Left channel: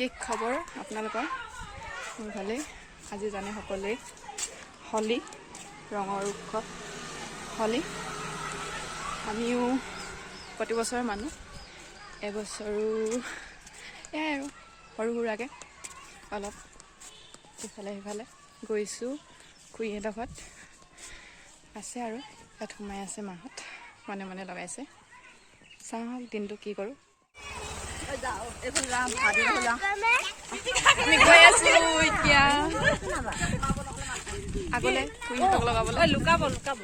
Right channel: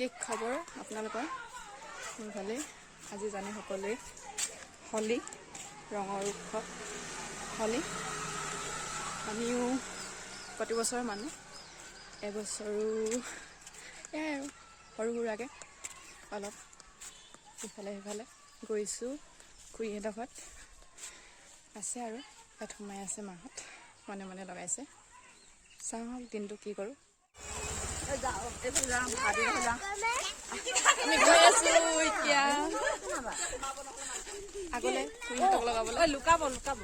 কি খবৰ আপোনালোকৰ? মোৰ ভালেই। আজি জানে সকলোৱে হলি ৰঙৰ উৎসৱ হলি। আমিও প্ৰতি বছৰ মানো, এবছৰো এয়াই আৰু সৰু সুৰাকৈ অলপ ইফালে সিফালে গৈছোঁ। খুৰীহঁতৰ ঘৰত আছে আৰু ইয়াত সোমাই আছে মাহঁত, মনে মনে লগাইছে। চাওঁ দিনটো কি কৰোঁ। আমি গৈ আছো এতিয়া আগলৈ খুৰীহঁতক লগাবলৈ। লুকাব লুকাব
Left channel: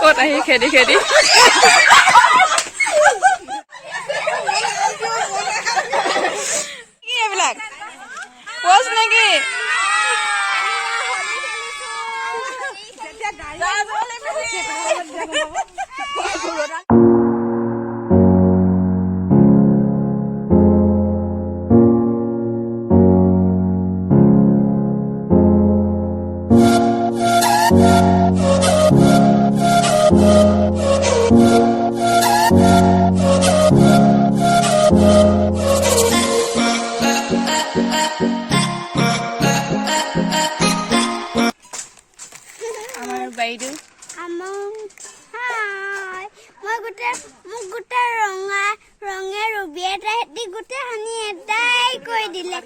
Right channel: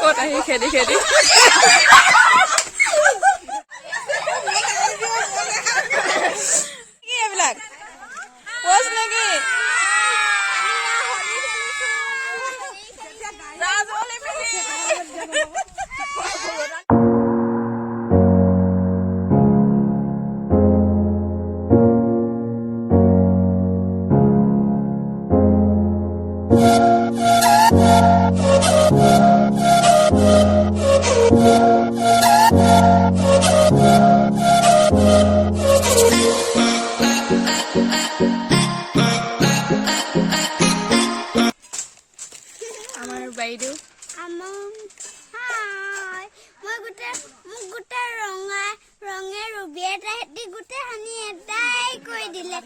ক'ত আহি খেদি খেদি কি এইবিলাক পচ নেকি? বাইদেউ ৰঙে ৰুবি এটা হেতি গোটেই সানি এটাই কৈ দিলে।